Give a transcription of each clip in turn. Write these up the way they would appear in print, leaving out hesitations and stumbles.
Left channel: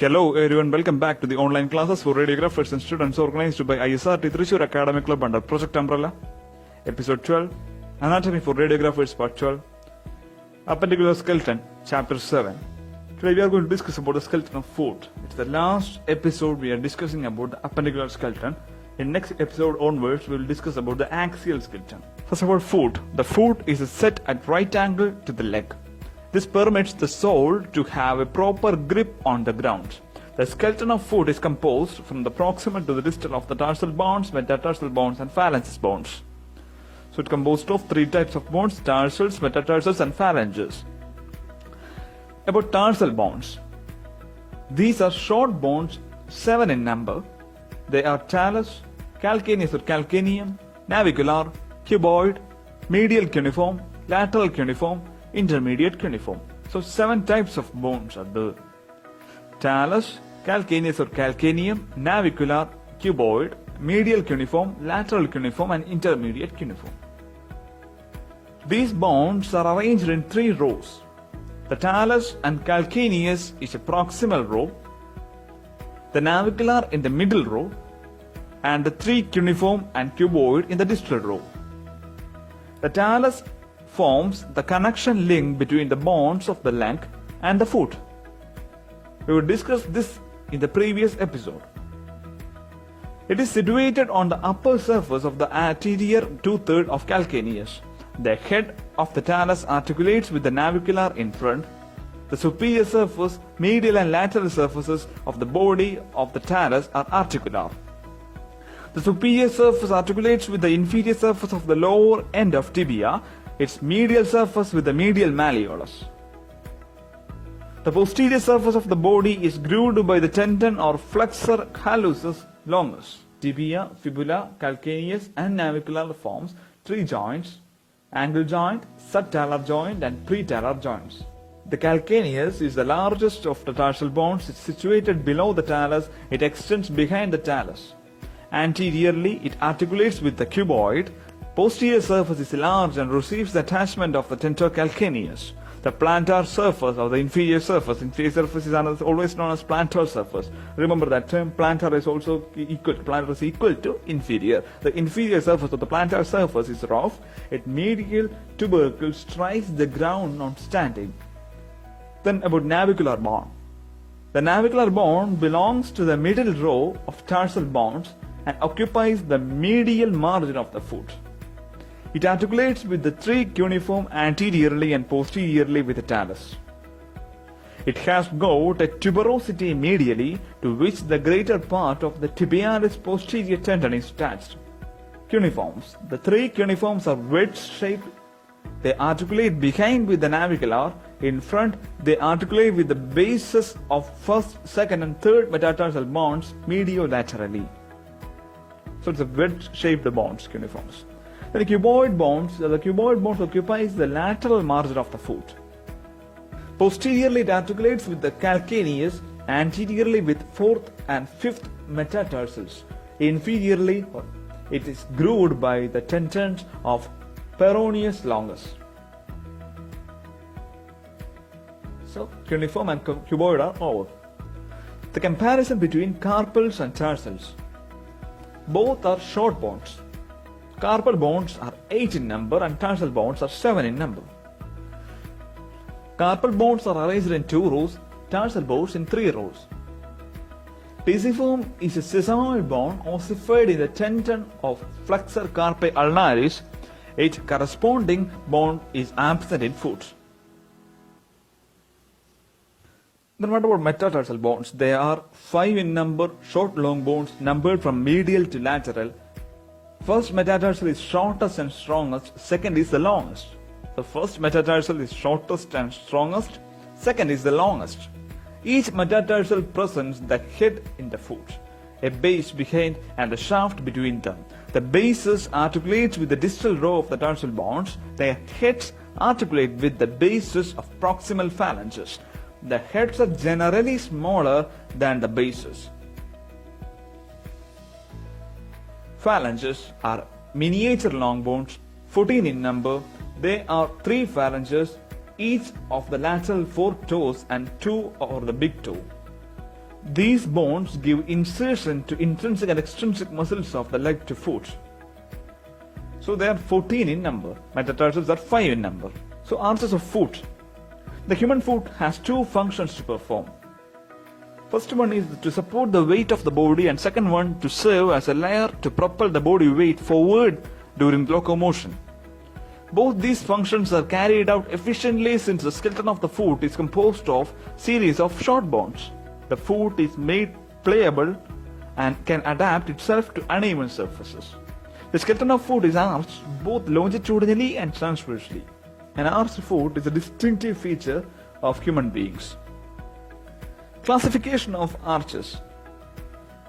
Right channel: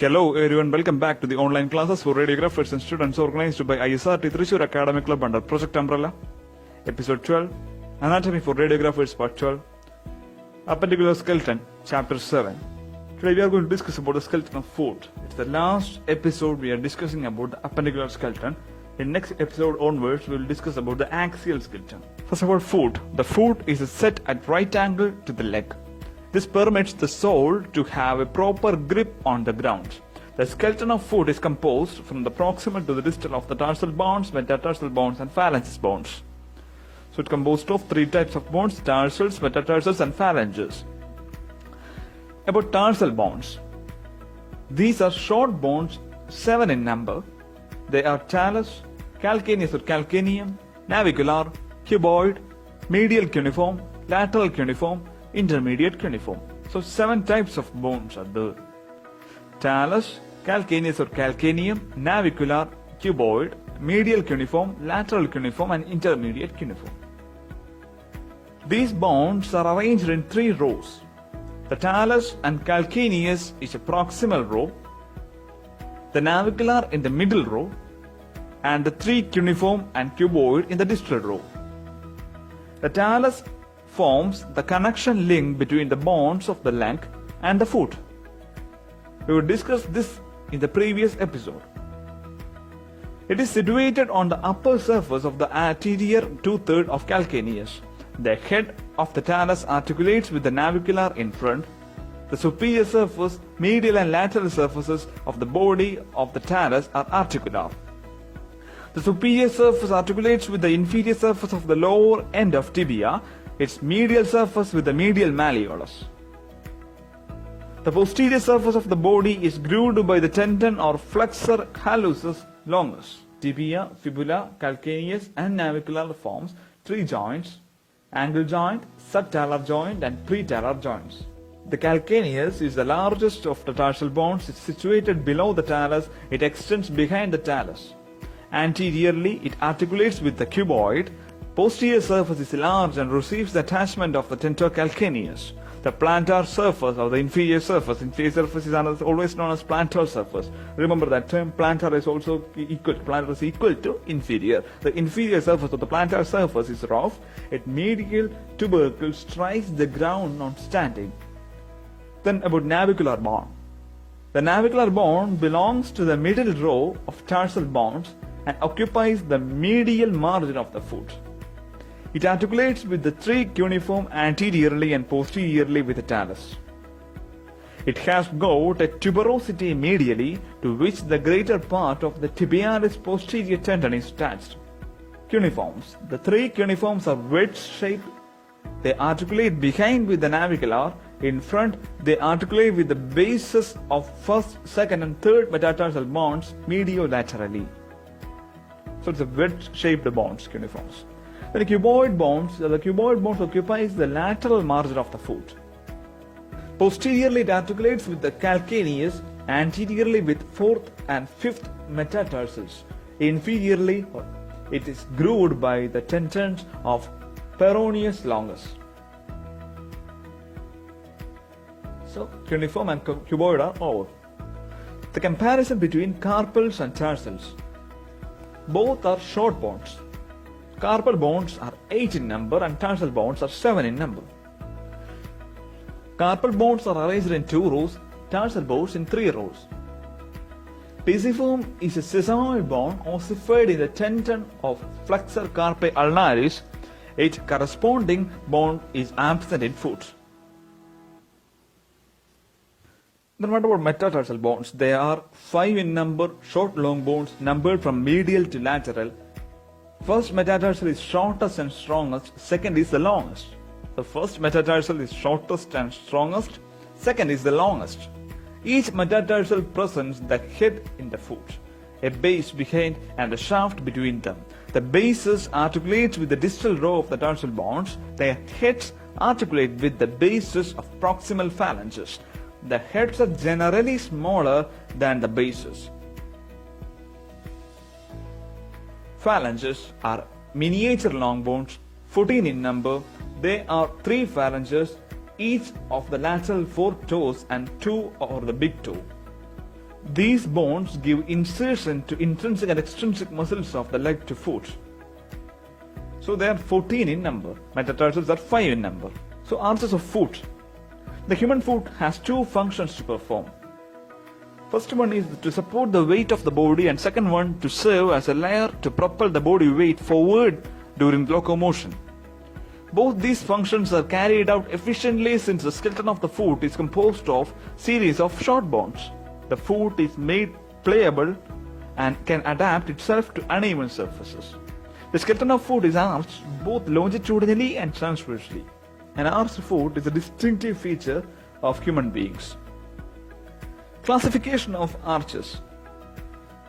Hello everyone, welcome back to the online classes for radiographers and students organized by ISRT Thrissur Academic Club under Project Umbrella. Episode 12, Anatomy for Radiographers Part 12, Appendicular Skeleton, Chapter 7. Today we are going to discuss about the skeleton of foot. It's the last episode we are discussing about the appendicular skeleton. In next episode onwards, we will discuss about the axial skeleton. First of all, foot. The foot is set at right angle to the leg. This permits the sole to have a proper grip on the ground. The skeleton of foot is composed from the proximal to the distal of the tarsal bones, metatarsal bones and phalanges bones. So it composed of three types of bones: tarsals, metatarsals and phalanges. About tarsal bones. These are short bones, 7 in number. They are talus, calcaneus or calcaneum, navicular, cuboid, medial cuneiform, lateral cuneiform, intermediate cuneiform. So 7 types of bones are there. Talus, calcaneus or calcaneum, navicular, cuboid, medial cuneiform, lateral cuneiform and intermediate cuneiform. These bones are arranged in 3 rows. The talus and calcaneus is a proximal row, the navicular in the middle row, and the 3 cuneiform and cuboid in the distal row. The talus forms the connection link between the bones of the leg and the foot. We will discuss this in the previous episode. It is situated on the upper surface of the anterior 2/3 of calcaneus. The head of the talus articulates with the navicular in front. The superior surface, medial and lateral surfaces of the body of the talus are articular. The superior surface articulates with the inferior surface of the lower end of tibia, its medial surface with the medial malleolus. The posterior surface of the body is grooved by the tendon or flexor hallucis longus. Tibia, fibula, calcaneus and navicular forms 3 joints: angle joint, subtalar joint and pretalar joints. The calcaneus is the largest of the tarsal bones. It's situated below the talus. It extends behind the talus. Anteriorly, it articulates with the cuboid. Posterior surface is large and receives the attachment of the tensor calcaneus. The plantar surface or the inferior surface is always known as plantar surface. Remember that term, plantar is also equal to inferior. The inferior surface of the plantar surface is rough. Its medial tubercle strikes the ground on standing. Then about navicular bone. The navicular bone belongs to the middle row of tarsal bones and occupies the medial margin of the foot. It articulates with the 3 cuneiform anteriorly and posteriorly with the talus. It has got a tuberosity medially to which the greater part of the tibialis posterior tendon is attached. Cuneiforms. The 3 cuneiforms are wedge-shaped. They articulate behind with the navicular. In front, they articulate with the bases of first, second and third metatarsal bones mediolaterally. So it's a wedge-shaped bones, cuneiforms. The cuboid bones occupies the lateral margin of the foot. Posteriorly, it articulates with the calcaneus, anteriorly with 4th and 5th metatarsals. Inferiorly, it is grooved by the tendons of peroneus longus. So, cuneiform and cuboid are over. The comparison between carpals and tarsals. Both are short bones. Carpal bones are 8 in number and tarsal bones are 7 in number. Carpal bones are arranged in 2 rows, tarsal bones in 3 rows. Pisiform is a sesamoid bone ossified in the tendon of flexor carpi ulnaris. Its corresponding bone is absent in foot. Then what about metatarsal bones? They are 5 in number, short long bones numbered from medial to lateral. First metatarsal is shortest and strongest, second is the longest. The first metatarsal is shortest and strongest, second is the longest. Each metatarsal presents the head in the foot, a base behind and a shaft between them. The bases articulate with the distal row of the tarsal bones. Their heads articulate with the bases of proximal phalanges. The heads are generally smaller than the bases. Phalanges are miniature long bones, 14 in number. They are 3 phalanges, each of the lateral 4 toes and 2 over the big toe. These bones give insertion to intrinsic and extrinsic muscles of the leg to foot. So they are 14 in number. Metatarsals are 5 in number. So arches of foot. The human foot has two functions to perform. First one is to support the weight of the body, and second one to serve as a layer to propel the body weight forward during locomotion. Both these functions are carried out efficiently since the skeleton of the foot is composed of series of short bones. The foot is made pliable and can adapt itself to uneven surfaces. The skeleton of foot is arched both longitudinally and transversely. An arched foot is a distinctive feature of human beings. Classification of arches.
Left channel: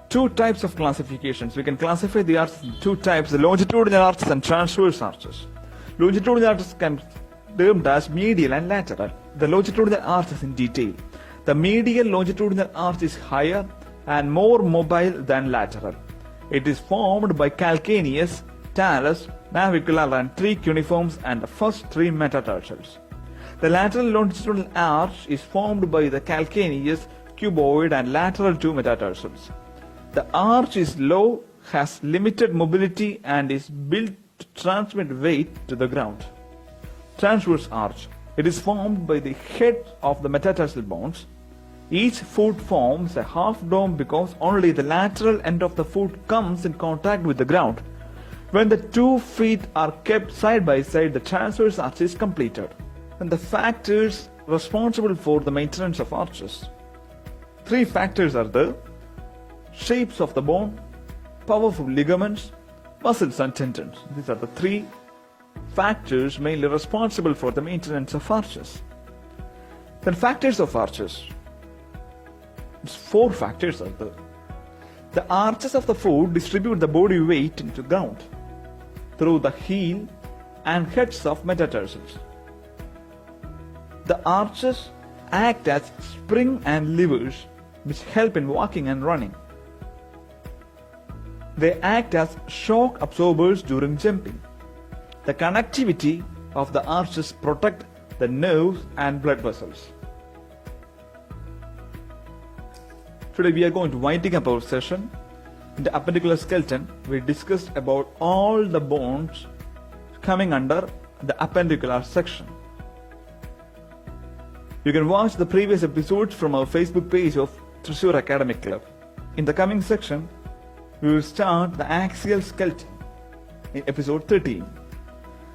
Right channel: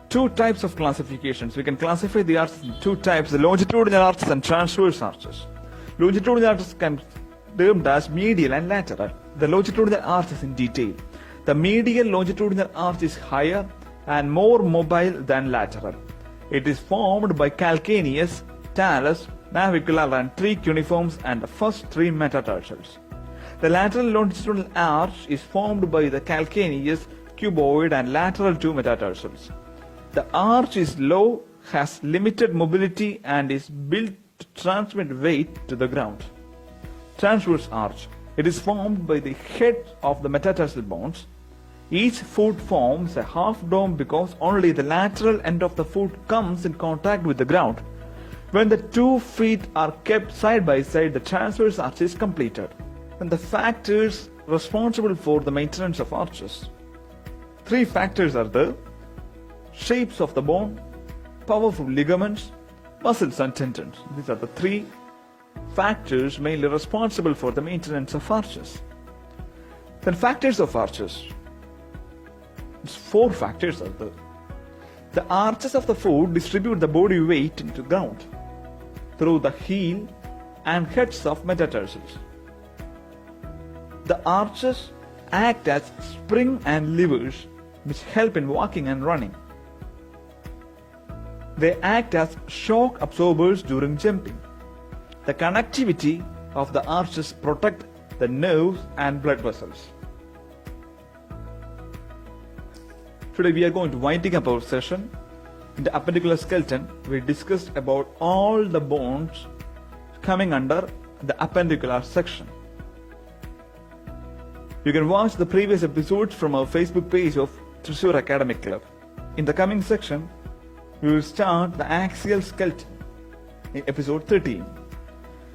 Two types of classifications. We can classify the arches in two types, the longitudinal arches and transverse arches. Longitudinal arches can be termed as medial and lateral. The longitudinal arch is in detail. The medial longitudinal arch is higher and more mobile than lateral. It is formed by calcaneus, talus, navicular and tree cuneiforms and the first three metatarsals. The lateral longitudinal arch is formed by the calcaneus, cuboid and lateral two metatarsals. The arch is low, has limited mobility and is built to transmit weight to the ground. Transverse arch. It is formed by the head of the metatarsal bones. Each foot forms a half dome because only the lateral end of the foot comes in contact with the ground. When the 2 feet are kept side by side, the transverse arch is completed. And the factors responsible for the maintenance of arches. 3 factors are the shapes of the bone, powerful ligaments, muscles and tendons. These are the 3 factors mainly responsible for the maintenance of arches. Then factors of arches. It's 4 factors are there. The arches of the foot distribute the body weight into the ground through the heel and heads of metatarsals. The arches act as spring and levers which help in walking and running. They act as shock absorbers during jumping. The connectivity of the arches protect the nerves and blood vessels. Today we are going to winding up our session. In the appendicular skeleton, we discussed about all the bones coming under the appendicular section. You can watch the previous episodes from our Facebook page of Thrissur Academic Club. In the coming section, we will start the axial skeleton in episode 13.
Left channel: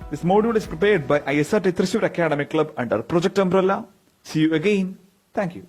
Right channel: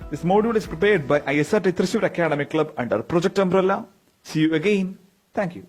This module is prepared by ISRT Thrissur Academic Club under Project Umbrella. See you again. Thank you.